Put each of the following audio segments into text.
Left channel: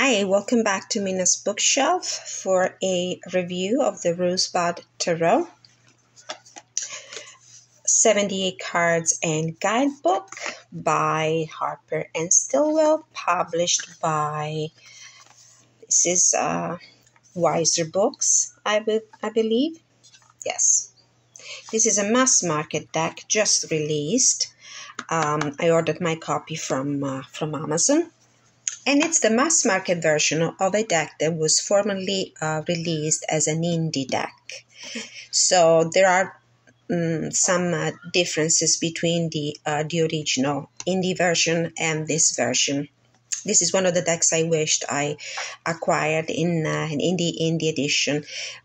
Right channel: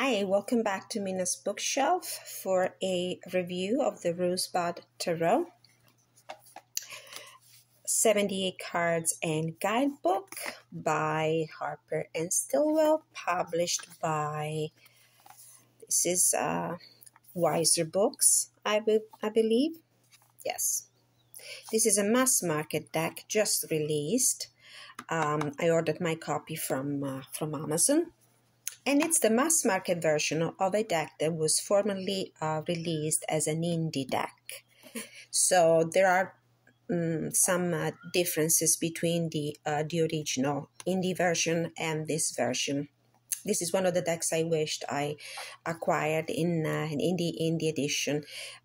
Hi, welcome back to Mina's Bookshelf for a review of the Rosebud Tarot 78 Cards and Guidebook by Harper and Stillwell, published by, this is Weiser Books, I believe. Yes. This is a mass market deck just released. I ordered my copy from Amazon. And it's the mass market version of a deck that was formerly released as an indie deck. So there are some differences between the original indie version and this version. This is one of the decks I wished I acquired in an indie edition,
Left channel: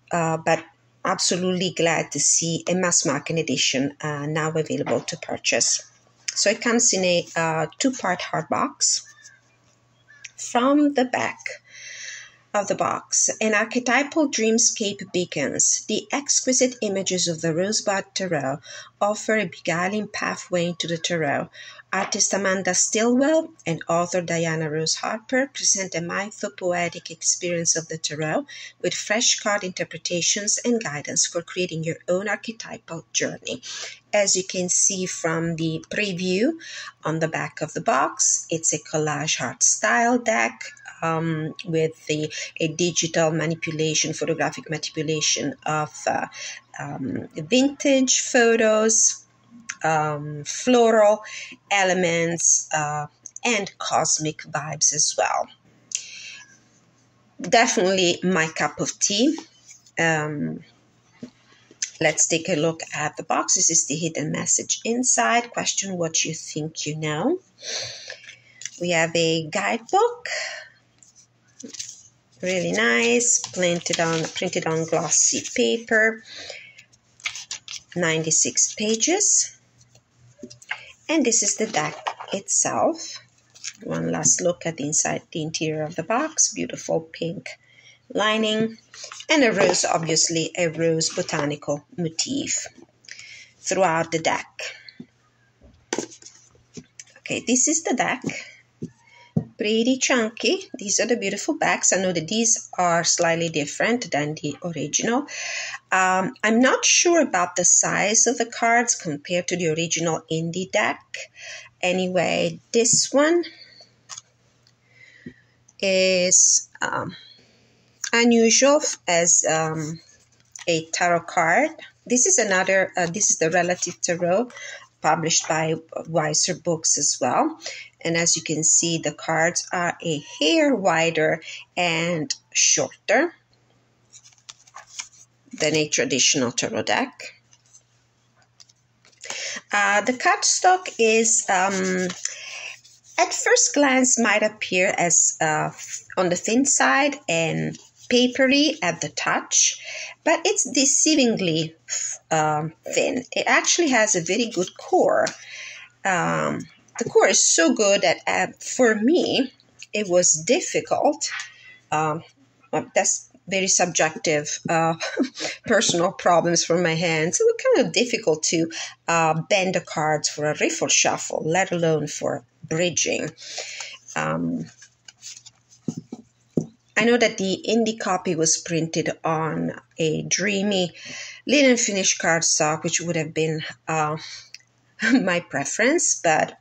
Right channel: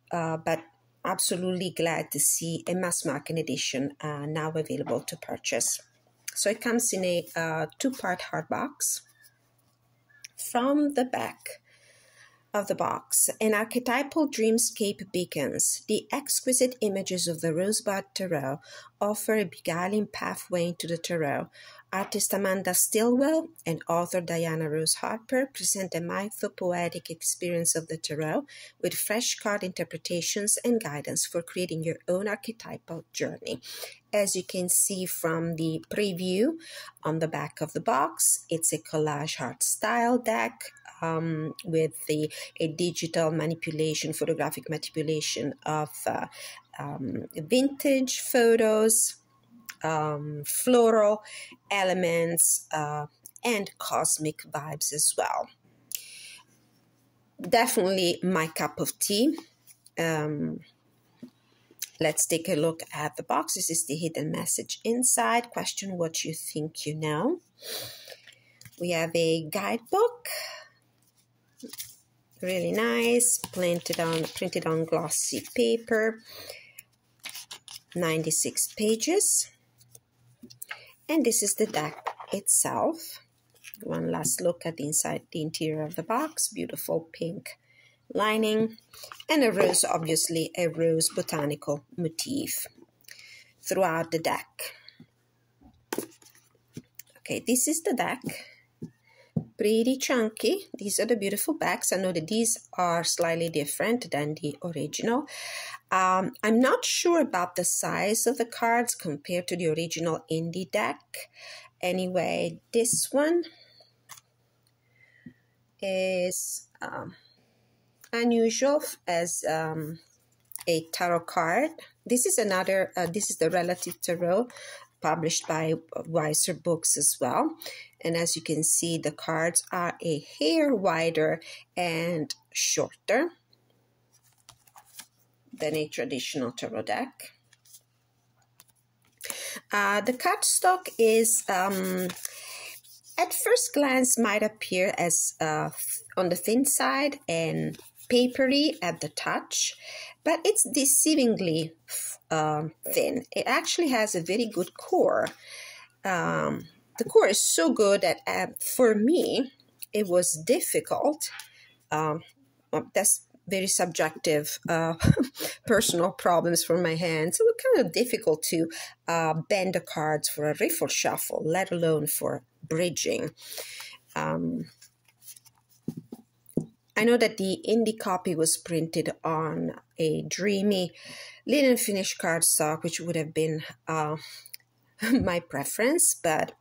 but absolutely glad to see a mass market edition now available to purchase. So it comes in a two-part hardbox. From the back of the box, an archetypal dreamscape beacons. The exquisite images of the Rosebud Tarot offer a beguiling pathway into the tarot. Artist Amanda Stillwell and author Diana Rose Harper present a mythopoetic experience of the tarot with fresh card interpretations and guidance for creating your own archetypal journey. As you can see from the preview on the back of the box, it's a collage art style deck with a digital manipulation, photographic manipulation of vintage photos, floral elements, and cosmic vibes as well. Definitely my cup of tea. Let's take a look at the box. This is the hidden message inside. Question what you think you know. We have a guidebook. Really nice, printed on glossy paper. 96 pages. And this is the deck itself. One last look at the interior of the box. Beautiful pink lining. And a rose, obviously a rose botanical motif throughout the deck. Okay, this is the deck. Pretty chunky. These are the beautiful backs. I know that these are slightly different than the original. I'm not sure about the size of the cards compared to the original indie deck. Anyway, this one is unusual as a tarot card. This is another, this is the Relative Tarot, published by Weiser Books as well. And as you can see, the cards are a hair wider and shorter than a traditional tarot deck. The cardstock is, at first glance, might appear as on the thin side and papery at the touch, but it's deceivingly thin. It actually has a very good core. The core is so good that for me, it was difficult. Well, that's very subjective, personal problems from my hands. It was kind of difficult to bend the cards for a riffle shuffle, let alone for bridging. I know that the indie copy was printed on a dreamy linen finish cardstock, which would have been my preference, but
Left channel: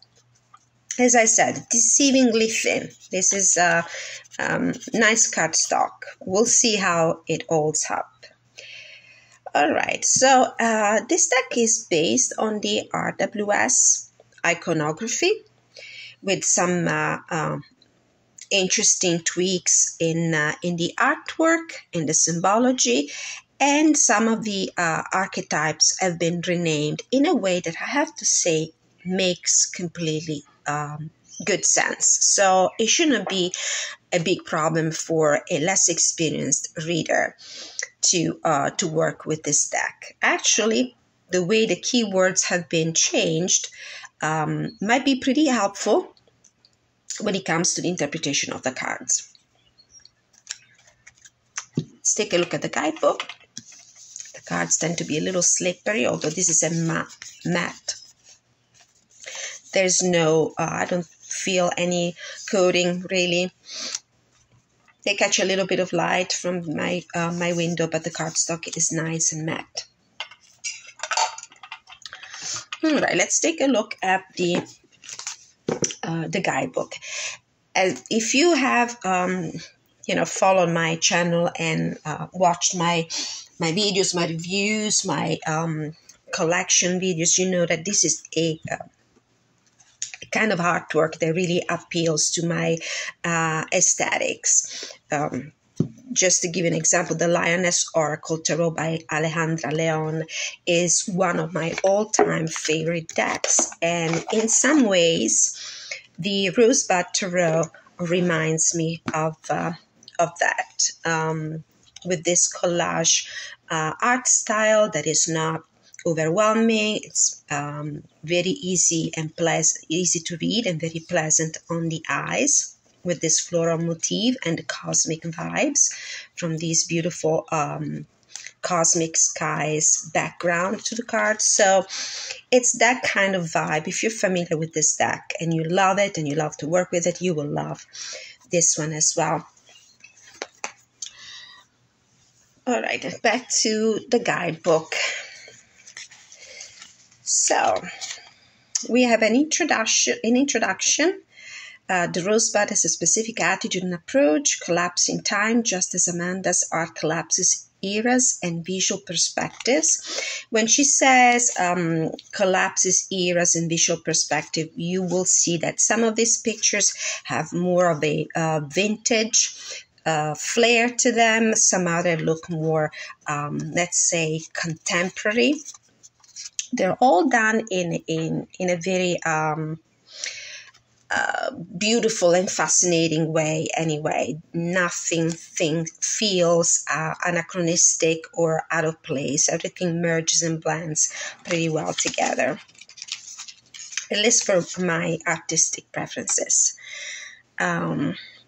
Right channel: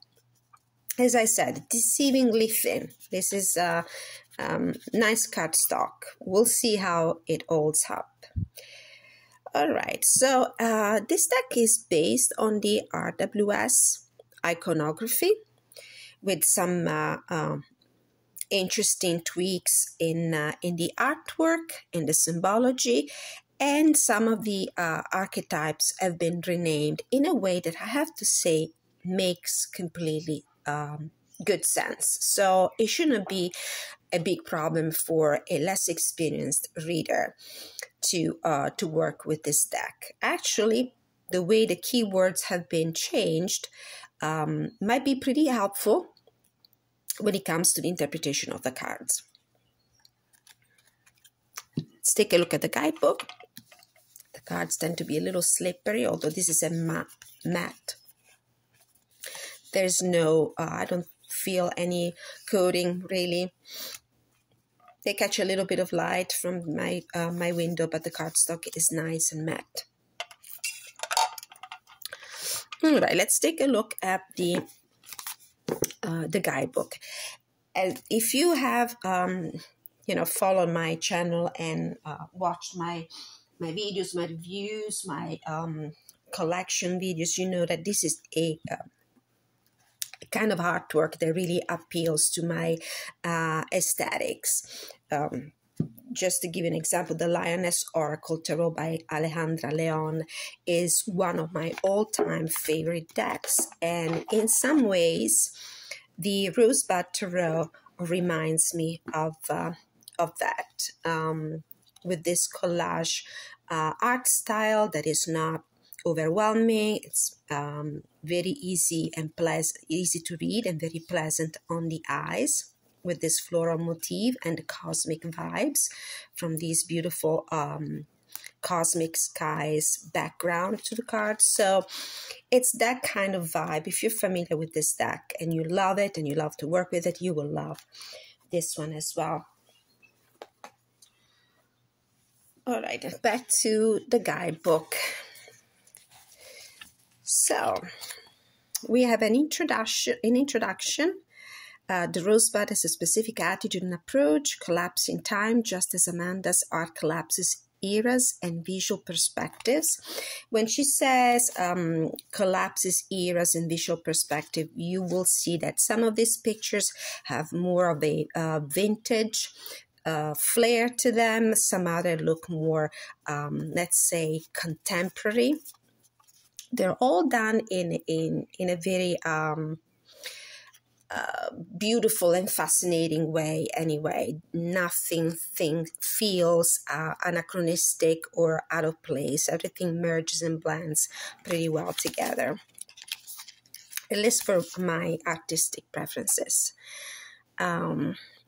as I said, deceivingly thin. This is a nice cardstock. We'll see how it holds up. All right, so this deck is based on the RWS iconography with some interesting tweaks in the artwork, in the symbology, and some of the archetypes have been renamed in a way that I have to say makes completely good sense. So it shouldn't be a big problem for a less experienced reader to work with this deck. Actually, the way the keywords have been changed might be pretty helpful when it comes to the interpretation of the cards. Let's take a look at the guidebook. The cards tend to be a little slippery, although this is a matte. There's no, I don't feel any coating really. They catch a little bit of light from my window, but the cardstock is nice and matte. All right, let's take a look at the guidebook. If you have followed my channel and watched my videos, my reviews, my collection videos, you know that this is a kind of artwork that really appeals to my aesthetics. Just to give an example, the Lioness Oracle Tarot by Alejandra Leon is one of my all-time favorite decks. And in some ways, the Rosebud Tarot reminds me of that, with this collage art style that is not overwhelming. It's very easy and easy to read and very pleasant on the eyes, with this floral motif and the cosmic vibes from these beautiful cosmic skies background to the cards. So it's that kind of vibe. If you're familiar with this deck and you love it and you love to work with it, you will love this one as well. All right, back to the guidebook. So we have an introduction. The Rosebud has a specific attitude and approach, collapsing time, just as Amanda's art collapses eras and visual perspectives. When she says collapses eras and visual perspective, you will see that some of these pictures have more of a vintage flair to them. Some other look more, let's say, contemporary. They're all done in a very beautiful and fascinating way anyway. Nothing feels anachronistic or out of place. Everything merges and blends pretty well together, at least for my artistic preferences.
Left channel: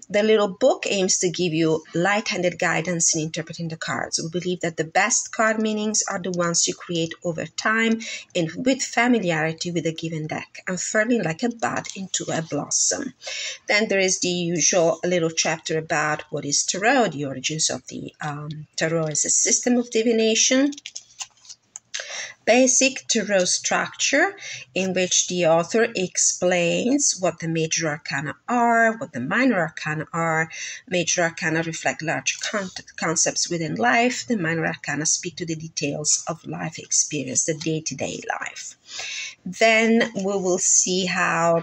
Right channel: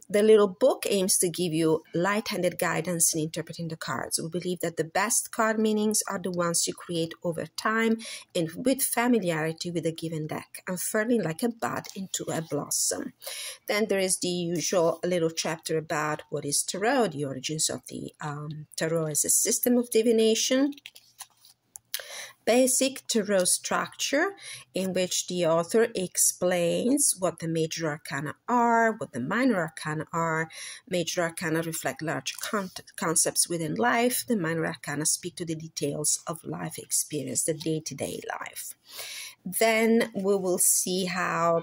The little book aims to give you light-handed guidance in interpreting the cards. We believe that the best card meanings are the ones you create over time and with familiarity with a given deck, unfurling like a bud into a blossom. Then there is the usual little chapter about what is tarot, the origins of the tarot as a system of divination. Basic tarot structure, in which the author explains what the major arcana are, what the minor arcana are. Major arcana reflect large concepts within life. The minor arcana speak to the details of life experience, the day-to-day life. Then we will see how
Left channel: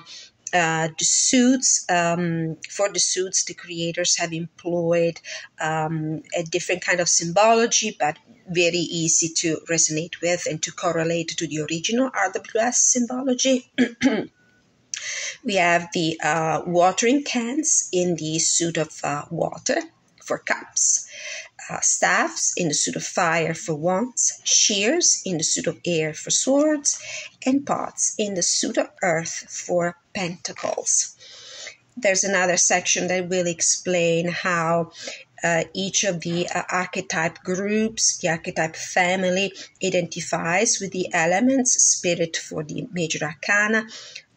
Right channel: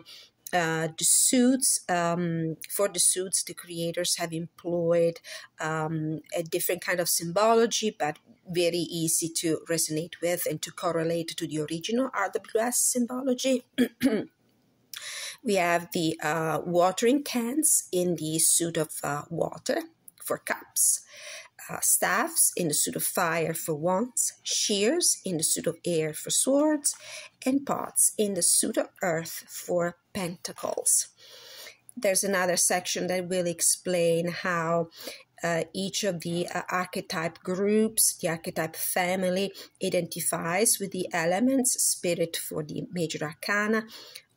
the suits, for the suits, the creators have employed a different kind of symbology, but very easy to resonate with and to correlate to the original RWS symbology. We have the watering cans in the suit of water for cups, staffs in the suit of fire for wands, shears in the suit of air for swords, and pots in the suit of earth for pentacles. There's another section that will explain how each of the archetype groups, the archetype family, identifies with the elements. Spirit for the major arcana,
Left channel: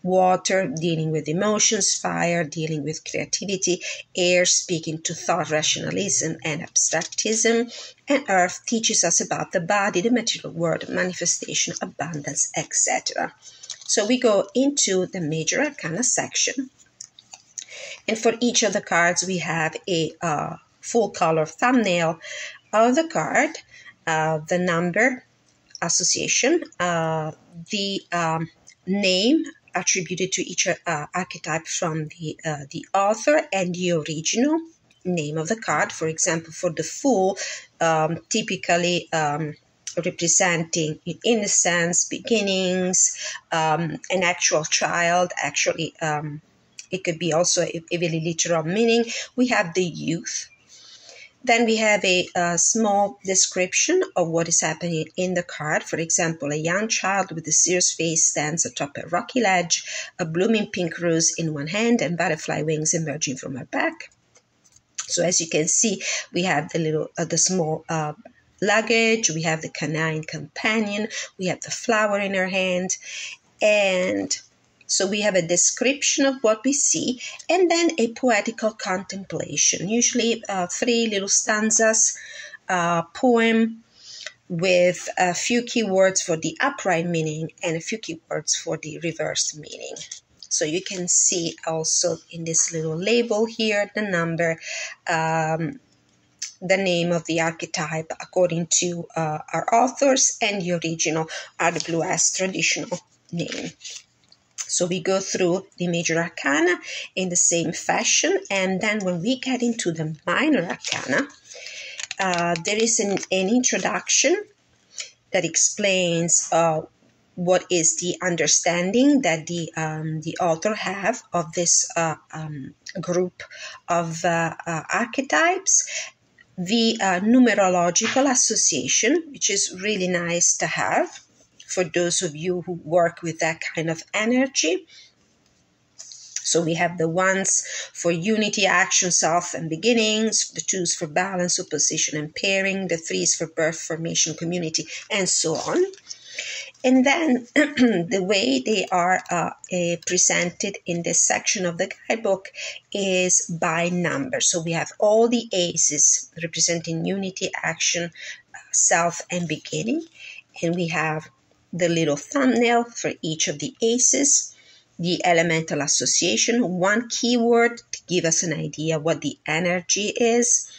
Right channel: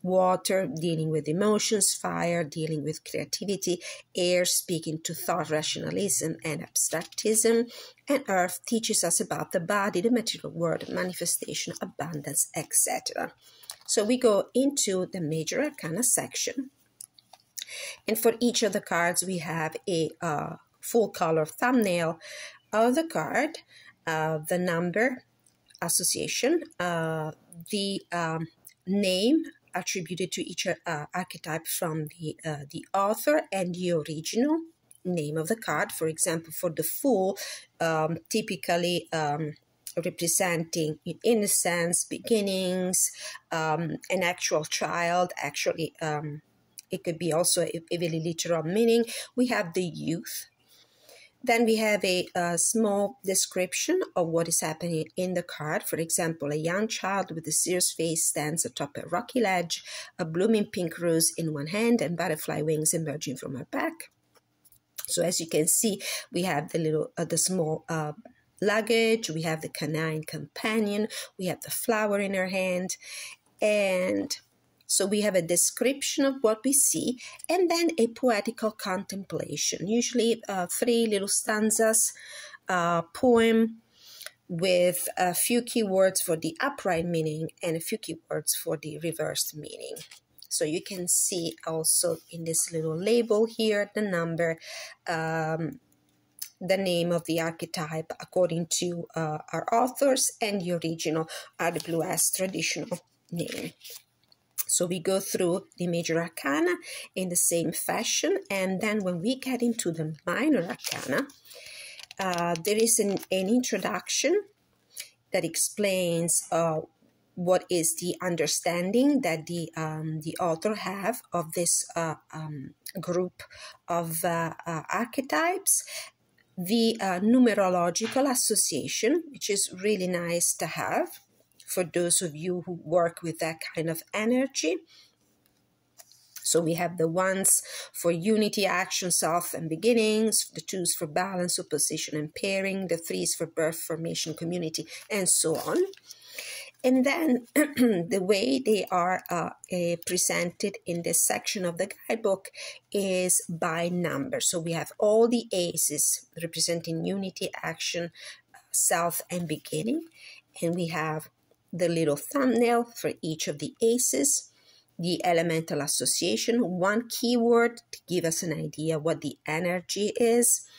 water dealing with emotions, fire dealing with creativity, air speaking to thought, rationalism, and abstractism, and earth teaches us about the body, the material world, manifestation, abundance, etc. So we go into the major arcana section, and for each of the cards we have a full color thumbnail of the card, the number association, the name attributed to each archetype from the author, and the original name of the card. For example, for the Fool, typically representing innocence, beginnings, an actual child. Actually, it could be also a very literal meaning. We have the Youth. Then we have a small description of what is happening in the card. For example, a young child with a serious face stands atop a rocky ledge, a blooming pink rose in one hand and butterfly wings emerging from her back. So as you can see, we have the small luggage, we have the canine companion, we have the flower in her hand. And So we have a description of what we see, and then a poetical contemplation, usually 3 little stanzas, poem with a few keywords for the upright meaning and a few keywords for the reversed meaning. So you can see also in this little label here the number, the name of the archetype according to our authors, and the original RWS traditional name. So we go through the major arcana in the same fashion, and then when we get into the minor arcana, there is an introduction that explains what is the understanding that the author have of this group of archetypes, the numerological association, which is really nice to have for those of you who work with that kind of energy. So we have the 1s for unity, action, self, and beginnings, the 2s for balance, opposition, and pairing, the 3s for birth, formation, community, and so on. And then the way they are presented in this section of the guidebook is by number. So we have all the aces representing unity, action, self, and beginning. And we have the little thumbnail for each of the aces, the elemental association, 1 keyword to give us an idea what the energy is,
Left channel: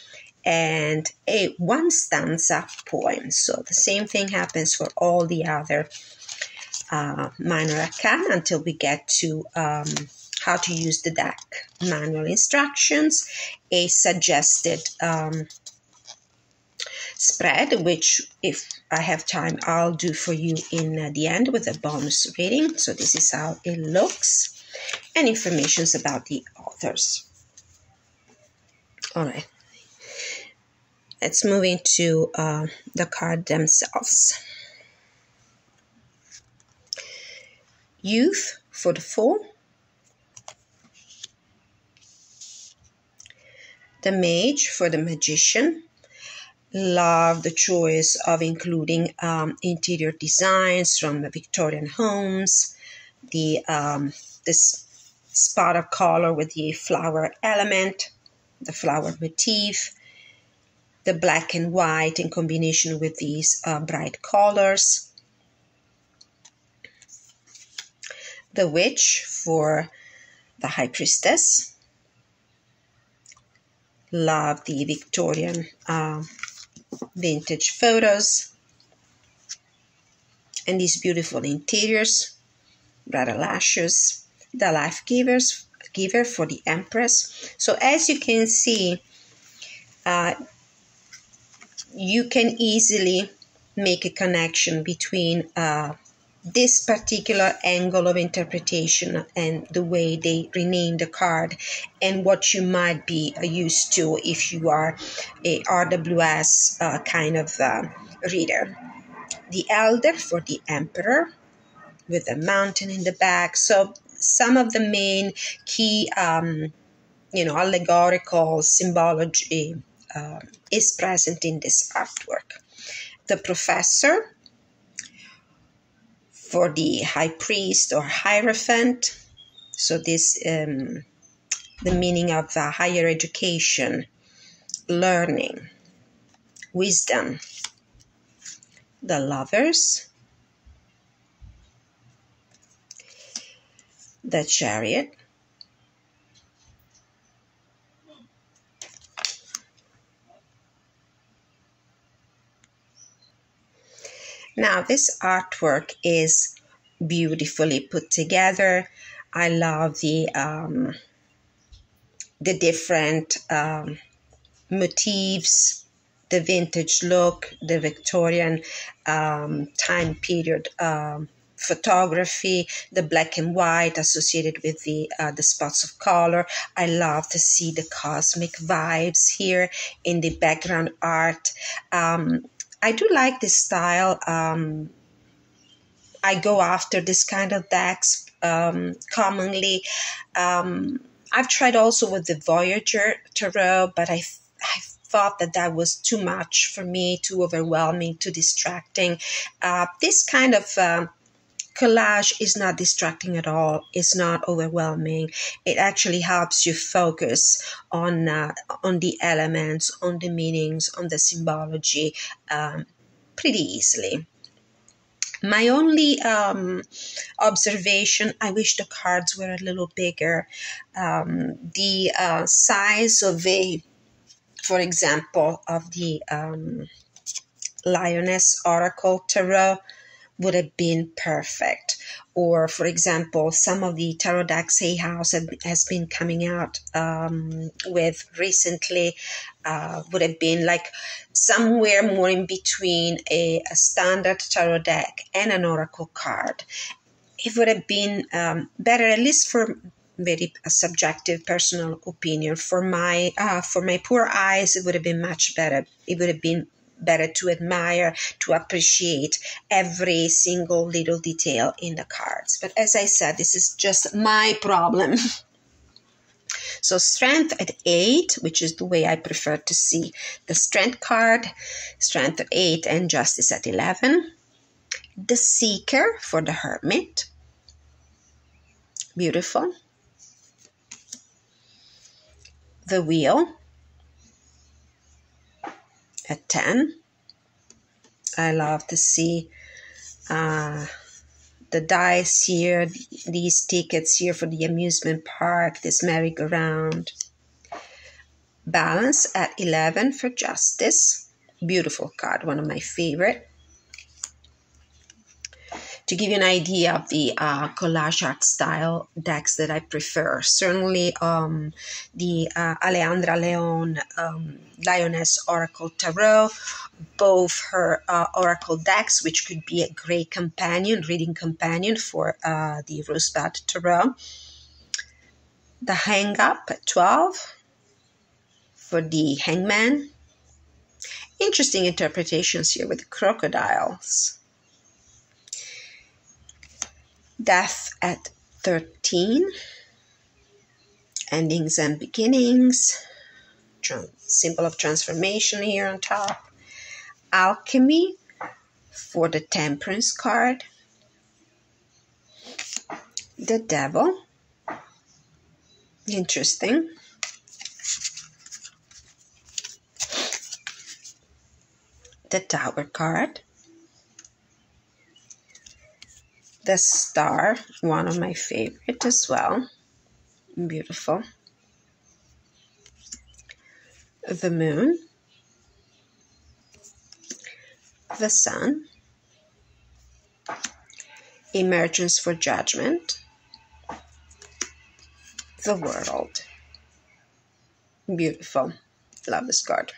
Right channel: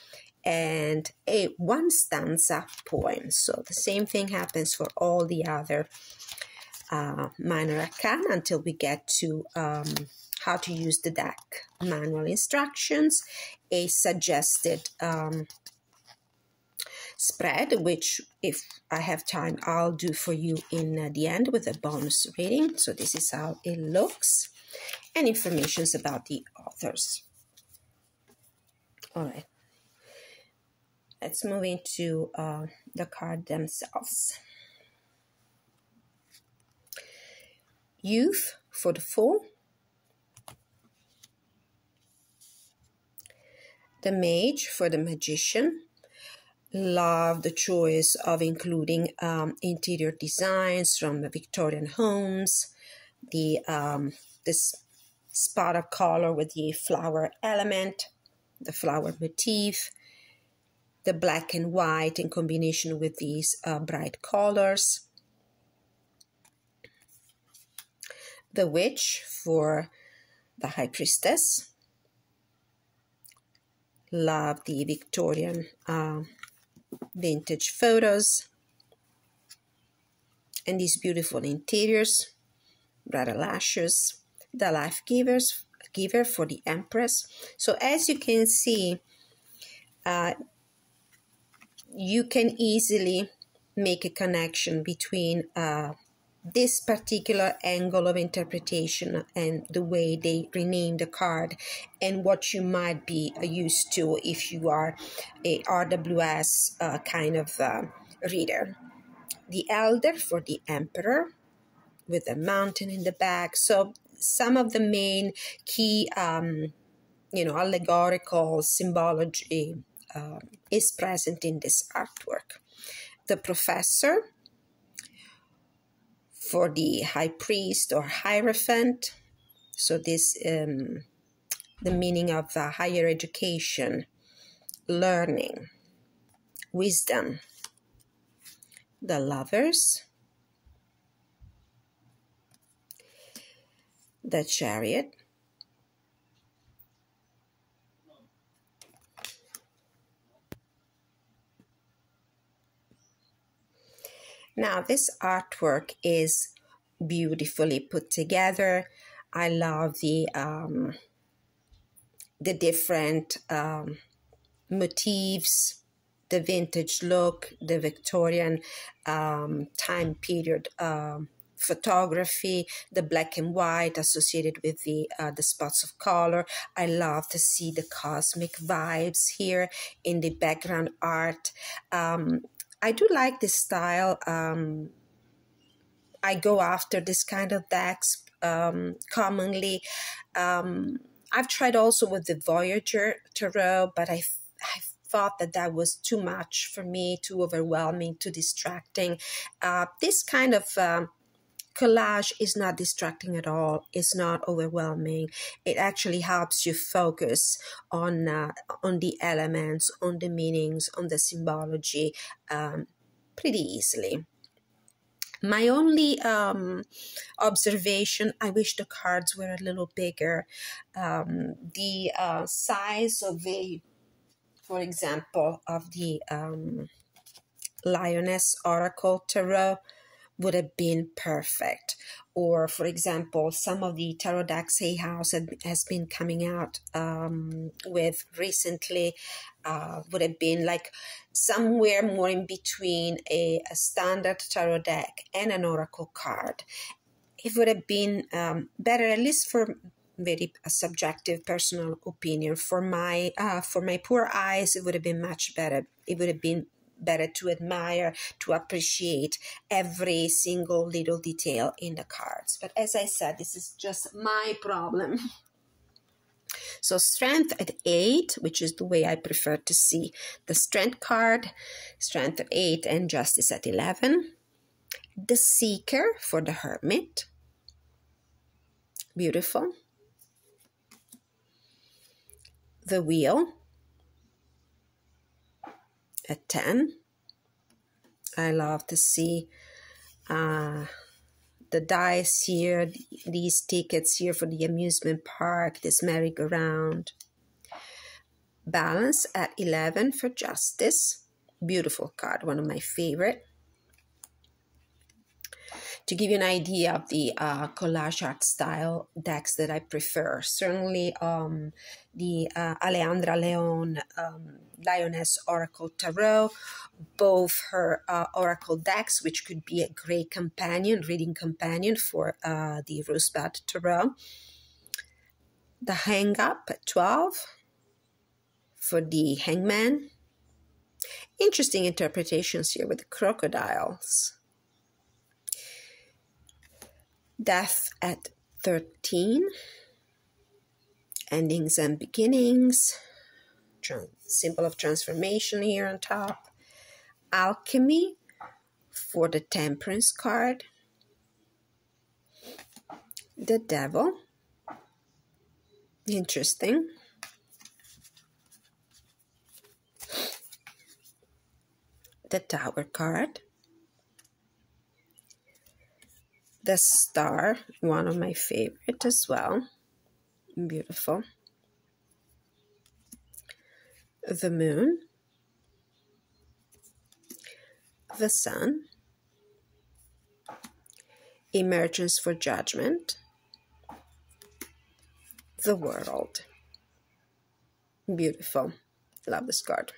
and a 1 stanza poem. So the same thing happens for all the other minor arcana until we get to how to use the deck, manual instructions, a suggested spread, which if I have time, I'll do for you in the end with a bonus reading. So this is how it looks, and information about the authors. All right. Let's move into the card themselves. Youth for the 4. The Mage for the Magician. Love the choice of including interior designs from the Victorian homes. This spot of color with the flower element, the flower motif. The black and white in combination with these bright colors. The Witch for the High Priestess. Love the Victorian vintage photos. And these beautiful interiors, rather lashes. The Life Giver for the Empress. So as you can see, you can easily make a connection between this particular angle of interpretation and the way they rename the card and what you might be used to if you are a RWS kind of reader. The Elder for the Emperor with a mountain in the back. So some of the main key, allegorical symbology is present in this artwork. The Professor for the High Priest or Hierophant. So this, the meaning of higher education, learning, wisdom. The Lovers. The Chariot. Now, this artwork is beautifully put together. I love the different motifs, the vintage look, the Victorian time period photography, the black and white associated with the spots of color. I love to see the cosmic vibes here in the background art. I do like this style. I go after this kind of decks commonly. I've tried also with the Voyager Tarot, but I thought that was too much for me, too overwhelming, too distracting. This kind of collage is not distracting at all. It's not overwhelming. It actually helps you focus on the elements, on the meanings, on the symbology pretty easily. My only observation, I wish the cards were a little bigger. The size of for example, of the Lioness Oracle Tarot would have been perfect. Or, for example, some of the tarot decks Hay House has been coming out with recently would have been like somewhere more in between a standard tarot deck and an oracle card. It would have been better, at least for very subjective personal opinion. For my poor eyes, it would have been much better. It would have been better to admire, to appreciate every single little detail in the cards. But as I said, this is just my problem. So Strength at 8, which is the way I prefer to see the Strength card, Strength at 8 and Justice at 11. The Seeker for the Hermit. Beautiful. The Wheel at 10. I love to see the dice here, these tickets here for the amusement park, this merry-go-round. Balance at 11 for Justice. Beautiful card, one of my favorite. To give you an idea of the collage art style decks that I prefer, certainly the Alejandra Leon Lioness Oracle Tarot, both her oracle decks, which could be a great companion, reading companion for the Rosebud Tarot. The Hang Up at 12 for the Hangman. Interesting interpretations here with the crocodiles. Death at 13, Endings and Beginnings, symbol of transformation here on top. Alchemy for the Temperance card. The Devil, interesting. The Tower card. The Star, one of my favorite as well. Beautiful. The Moon. The Sun. Emergence for Judgment. The World. Beautiful. Love this card.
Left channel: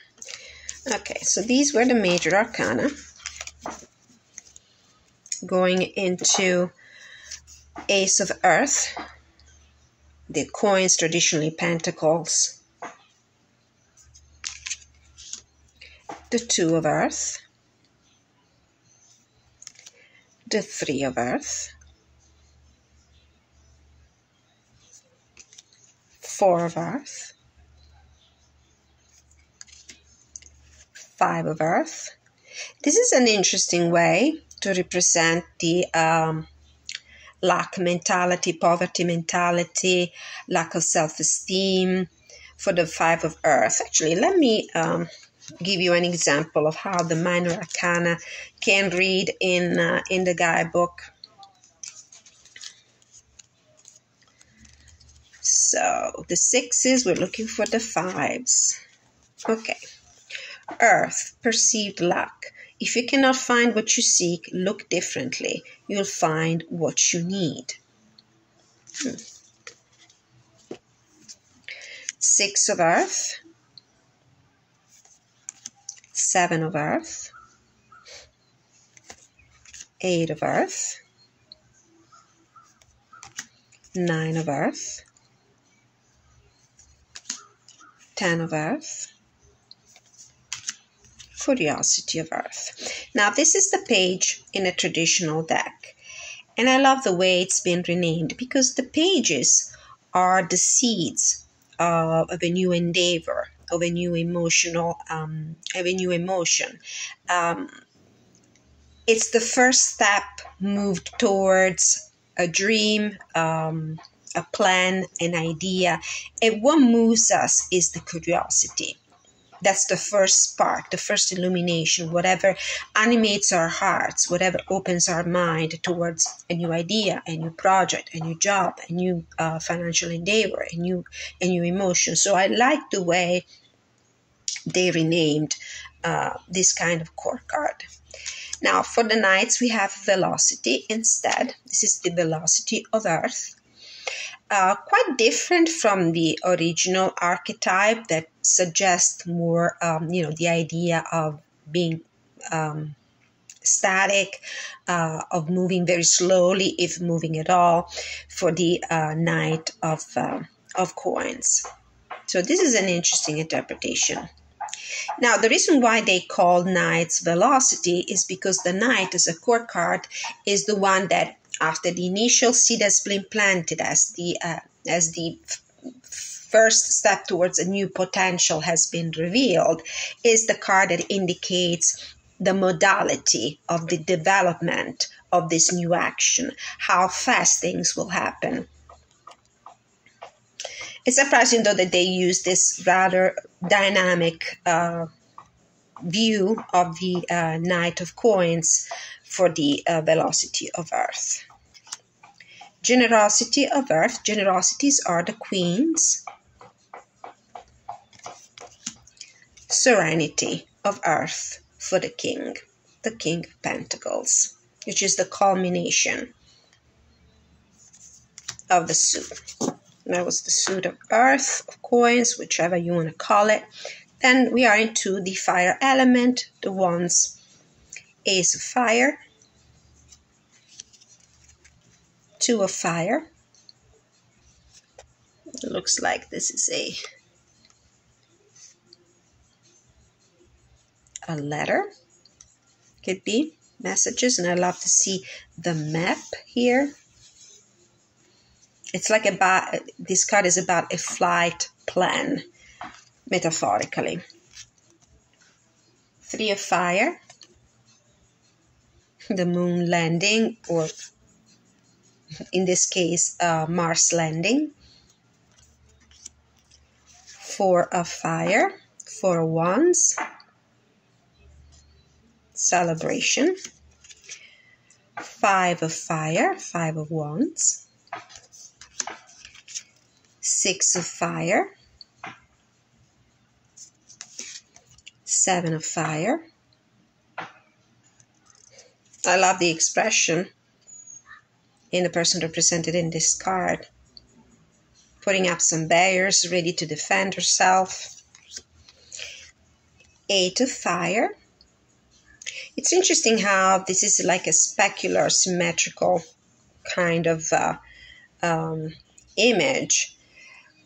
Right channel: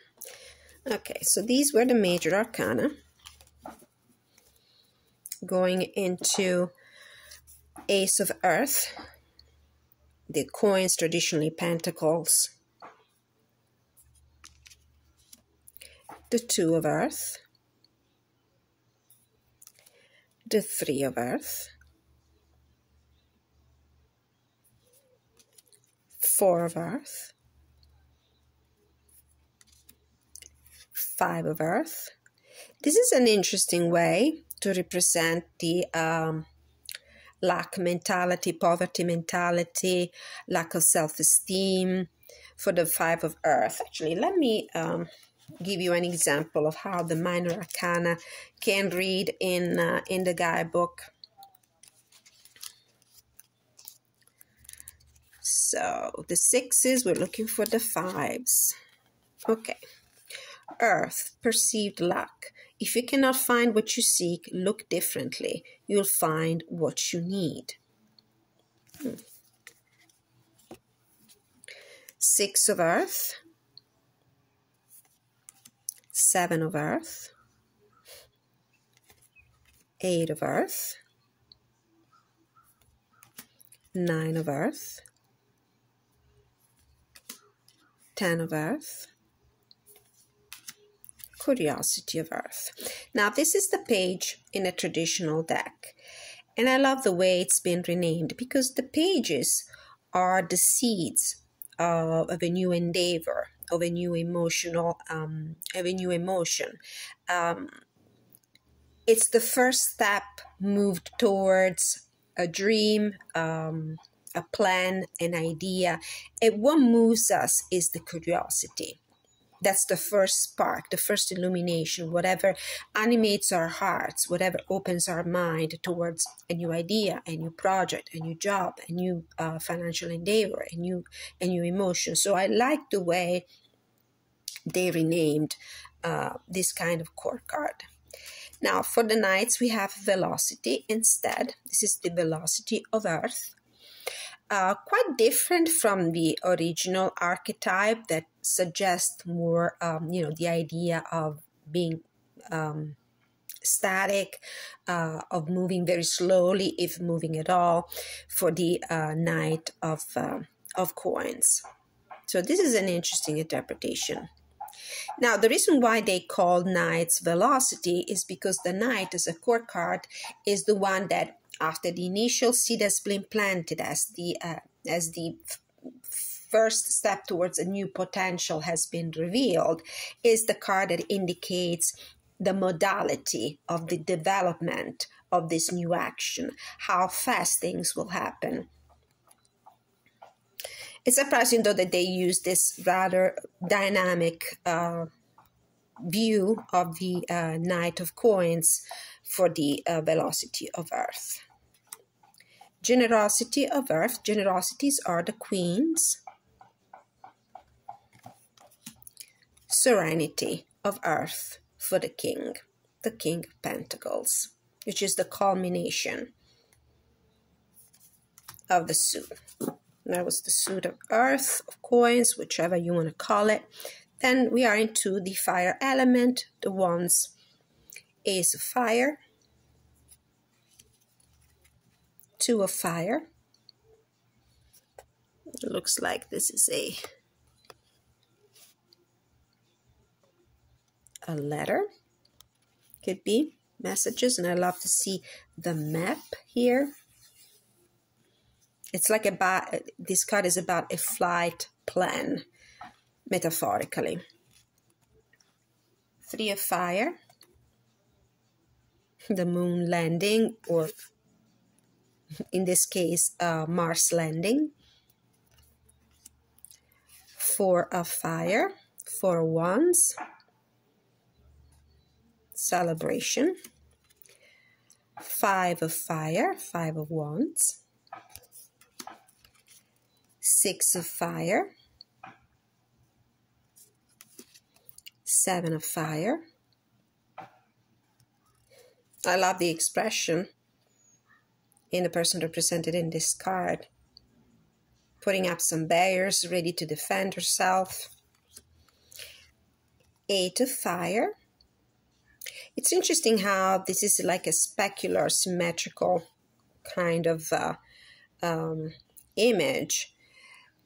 Okay, so these were the major arcana. Going into Ace of Earth, the coins, traditionally pentacles, the Two of Earth, the Three of Earth, Four of Earth, Five of Earth. This is an interesting way to represent the lack mentality, poverty mentality, lack of self-esteem for the Five of Earth. Actually, let me give you an example of how the minor arcana can read in the guidebook. So the sixes, we're looking for the fives. Okay. Earth, perceived lack. If you cannot find what you seek, look differently. You'll find what you need. Six of Earth. Seven of Earth. Eight of Earth. Nine of Earth. 10 of Earth. Curiosity of Earth. Now, this is the page in a traditional deck, and I love the way it's been renamed because the pages are the seeds of a new endeavor, of a new emotional, of a new emotion. It's the first step moved towards a dream, a plan, an idea. And what moves us is the curiosity. That's the first spark, the first illumination, whatever animates our hearts, whatever opens our mind towards a new idea, a new project, a new job, a new financial endeavor, a new emotion. So I like the way they renamed this kind of core card. Now, for the Knights, we have velocity instead. This is the velocity of Earth. Quite different from the original archetype that suggests more, the idea of being static, of moving very slowly, if moving at all, for the Knight of Coins. So this is an interesting interpretation. Now, the reason why they call Knights velocity is because the Knight, as a core card, is the one that, after the initial seed has been planted, as the first step towards a new potential has been revealed, is the card that indicates the modality of the development of this new action, how fast things will happen. It's surprising, though, that they use this rather dynamic view of the Knight of Coins for the velocity of Earth. Generosity of Earth. Generosities are the Queens. Serenity of Earth for the King of Pentacles, which is the culmination of the suit. That was the suit of Earth, of Coins, whichever you want to call it. Then we are into the fire element, the Wands, Ace of Fire, Two of Fire. It looks like this is a letter. Could be messages, and I love to see the map here. It's like this card is about a flight plan, metaphorically. Three of Fire, the moon landing, or in this case, Mars landing. Four of Fire, Four of Wands, celebration. Five of Fire, Five of Wands. Six of Fire, Seven of Fire. I love the expression in the person represented in this card, putting up some barriers, ready to defend herself. Eight of Fire. It's interesting how this is like a specular, symmetrical kind of image,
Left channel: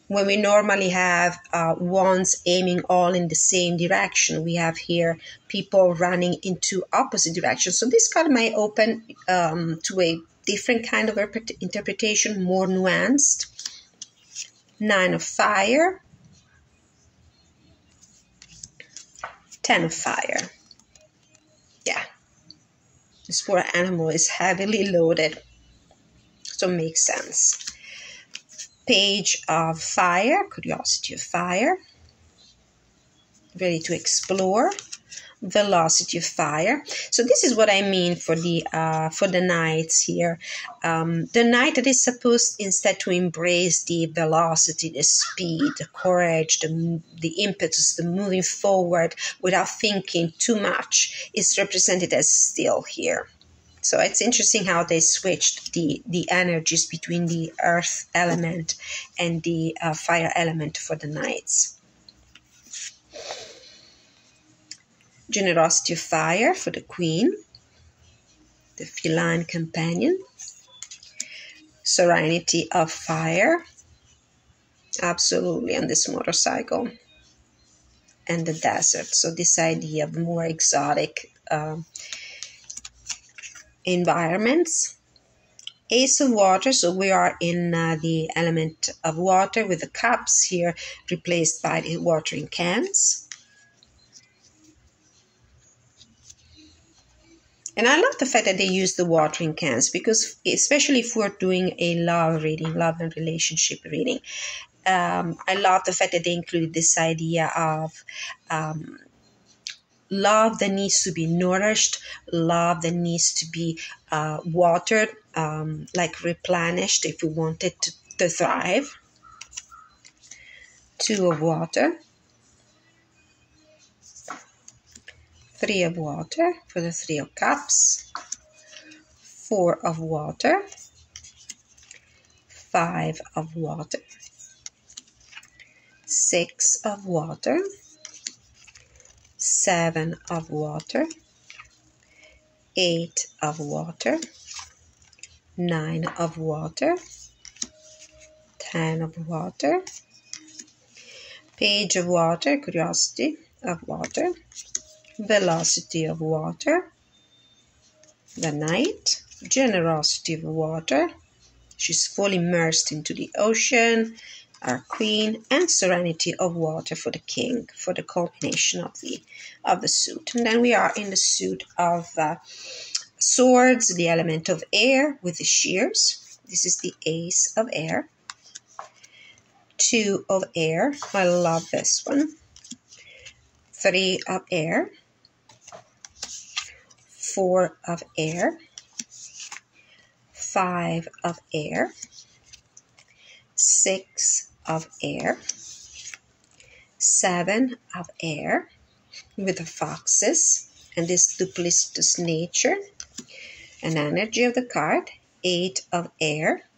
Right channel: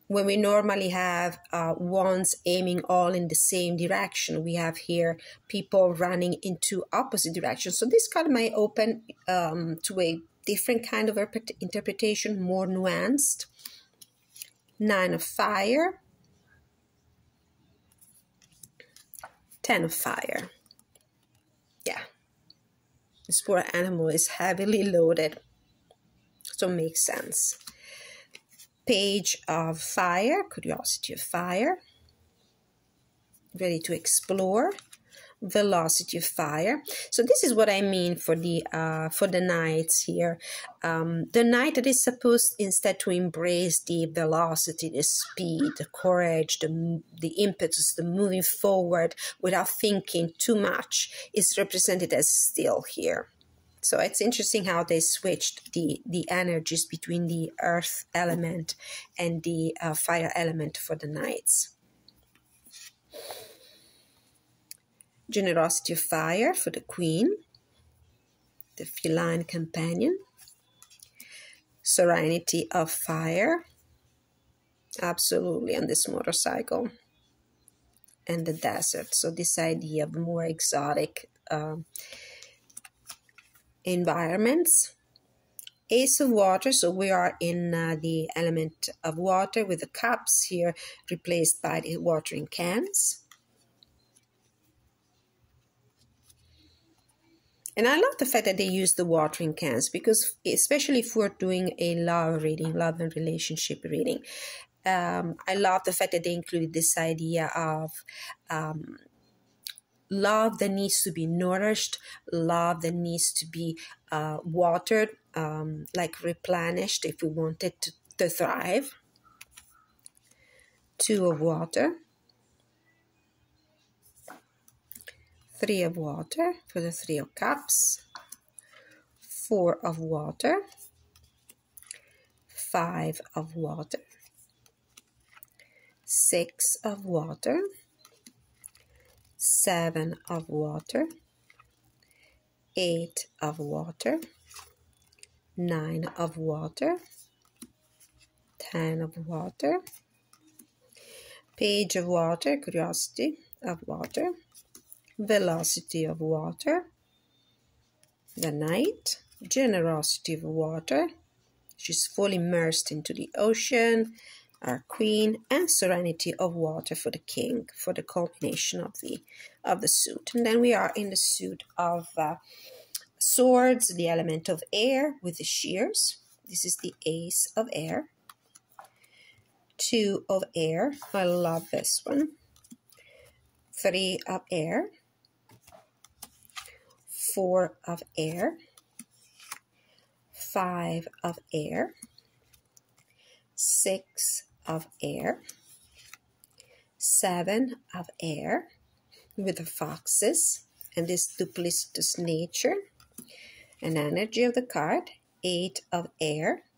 when we normally have wands aiming all in the same direction. We have here people running into opposite directions. So this card might open to a different kind of interpretation, more nuanced. Nine of Fire, Ten of Fire. Yeah, this poor animal is heavily loaded, so it makes sense. Page of Fire, Curiosity of Fire, ready to explore. Velocity of Fire. So this is what I mean for the Knights here. The Knight that is supposed instead to embrace the velocity, the speed, the courage, the impetus, the moving forward without thinking too much, is represented as still here. So it's interesting how they switched the energies between the earth element and the fire element for the Knights. Generosity of Fire for the Queen, the feline companion. Serenity of Fire, absolutely, on this motorcycle. And the desert, so this idea of more exotic environments. Ace of Water, so we are in the element of water with the cups here replaced by the watering cans. And I love the fact that they use the watering cans, because especially if we're doing a love reading, love and relationship reading, I love the fact that they included this idea of love that needs to be nourished, love that needs to be watered, like replenished if we want it to thrive. 2 of water, 3 of water for the 3 of cups, 4 of water, 5 of water, 6 of water, 7 of water, 8 of water, 9 of water, 10 of water, Page of water, curiosity of water, velocity of water, the Knight, generosity of water, she's fully immersed into the ocean, our Queen, and serenity of water for the King, for the culmination of the suit. And then we are in the suit of swords, the element of air with the shears. This is the Ace of air. 2 of air, I love this one. 3 of air, 4 of air, 5 of air, 6 of air, 7 of air with the foxes and this duplicitous nature and energy of the card. 8 of air.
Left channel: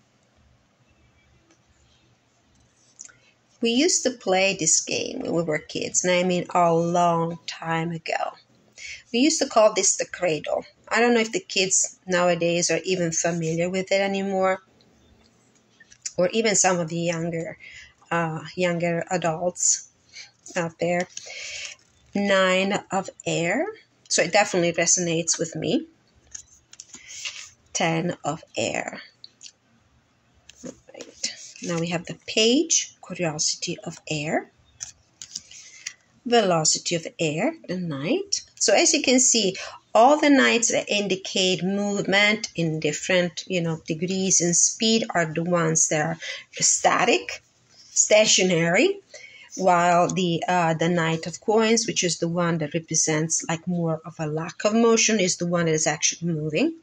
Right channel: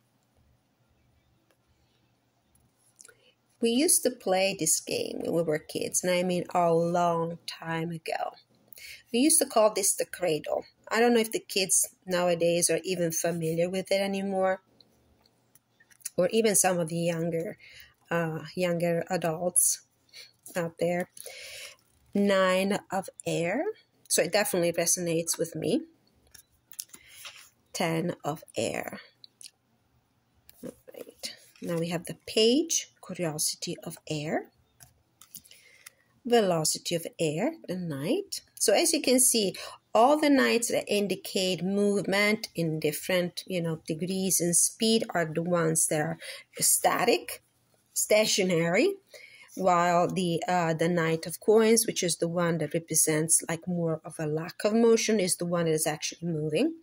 We used to play this game when we were kids, and I mean a long time ago. We used to call this the cradle. I don't know if the kids nowadays are even familiar with it anymore, or even some of the younger adults out there. 9 of air, so it definitely resonates with me. 10 of air. Right. Now we have the Page, curiosity of air, velocity of air, the Knight. So as you can see, all the knights that indicate movement in different, degrees and speed are the ones that are static, stationary, while the Knight of Coins, which is the one that represents like more of a lack of motion, is the one that is actually moving.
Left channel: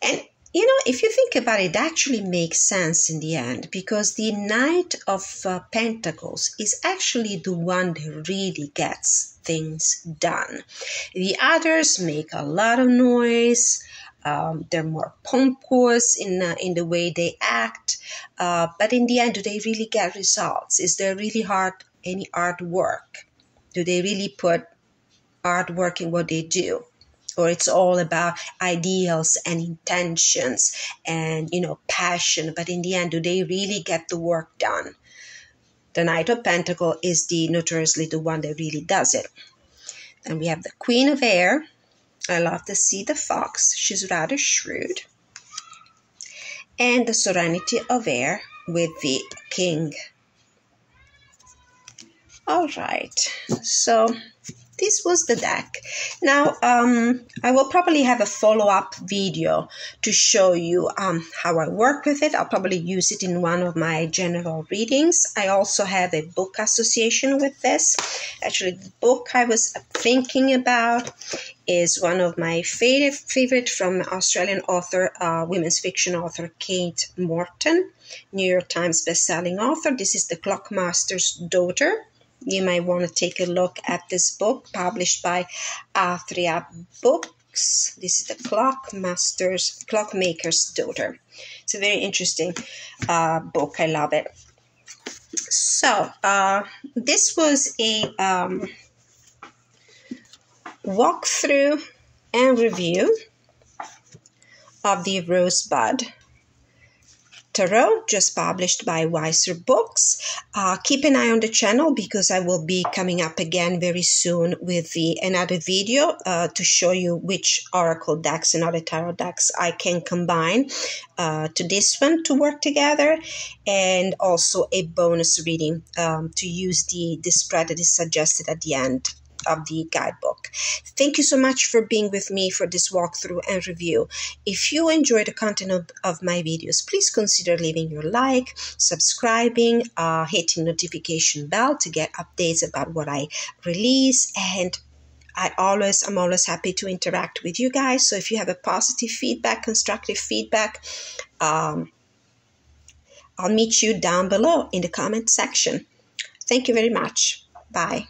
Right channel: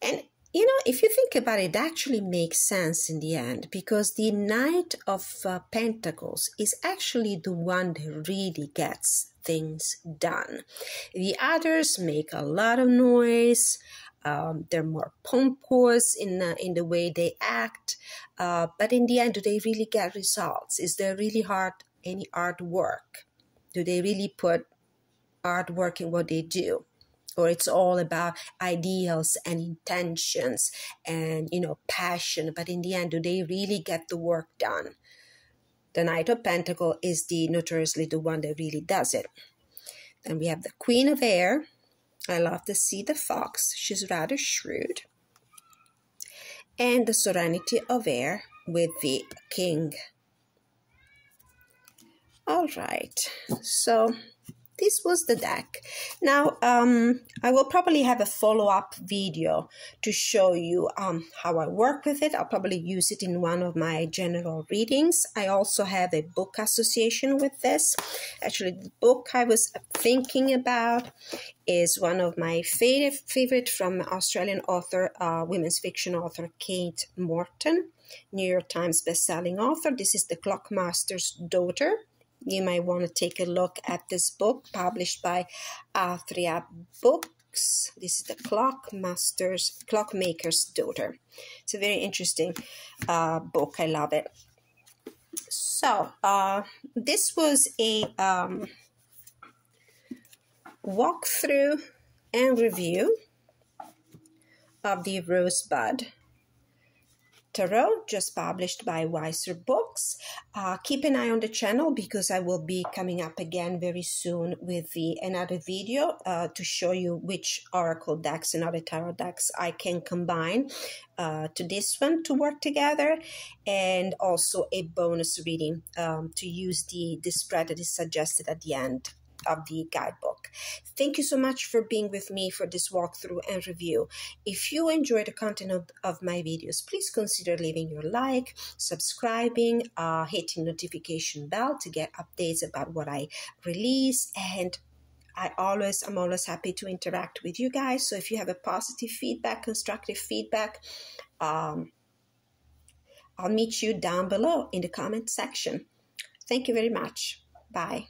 And if you think about it, it actually makes sense in the end, because the Knight of Pentacles is actually the one that really gets things done. The others make a lot of noise. They're more pompous in the way they act. But in the end, do they really get results? Is there really any artwork? Do they really put artwork in what they do? Or it's all about ideals and intentions and, passion. But in the end, do they really get the work done? The Knight of Pentacles is notoriously the one that really does it. Then we have the Queen of Air. I love to see the fox. She's rather shrewd. And the Serenity of Air with the King. All right. So this was the deck. Now, I will probably have a follow-up video to show you how I work with it. I'll probably use it in one of my general readings. I also have a book association with this. Actually, the book I was thinking about is one of my favorite from Australian author, women's fiction author Kate Morton, New York Times bestselling author. This is The Clockmaster's Daughter. You might want to take a look at this book, published by ROSEBUD Books. This is The Clockmaker's Daughter. It's a very interesting book. I love it. So, this was a walkthrough and review of the Rosebud Tarot, just published by Weiser Books. Keep an eye on the channel, because I will be coming up again very soon with another video to show you which oracle decks and other tarot decks I can combine to this one to work together, and also a bonus reading to use the spread that is suggested at the end of the guidebook. book. Thank you so much for being with me for this walkthrough and review. If you enjoy the content of my videos, please consider leaving your like, subscribing, hitting notification bell to get updates about what I release. And I'm always happy to interact with you guys. So if you have a positive feedback, constructive feedback, I'll meet you down below in the comment section. Thank you very much. Bye.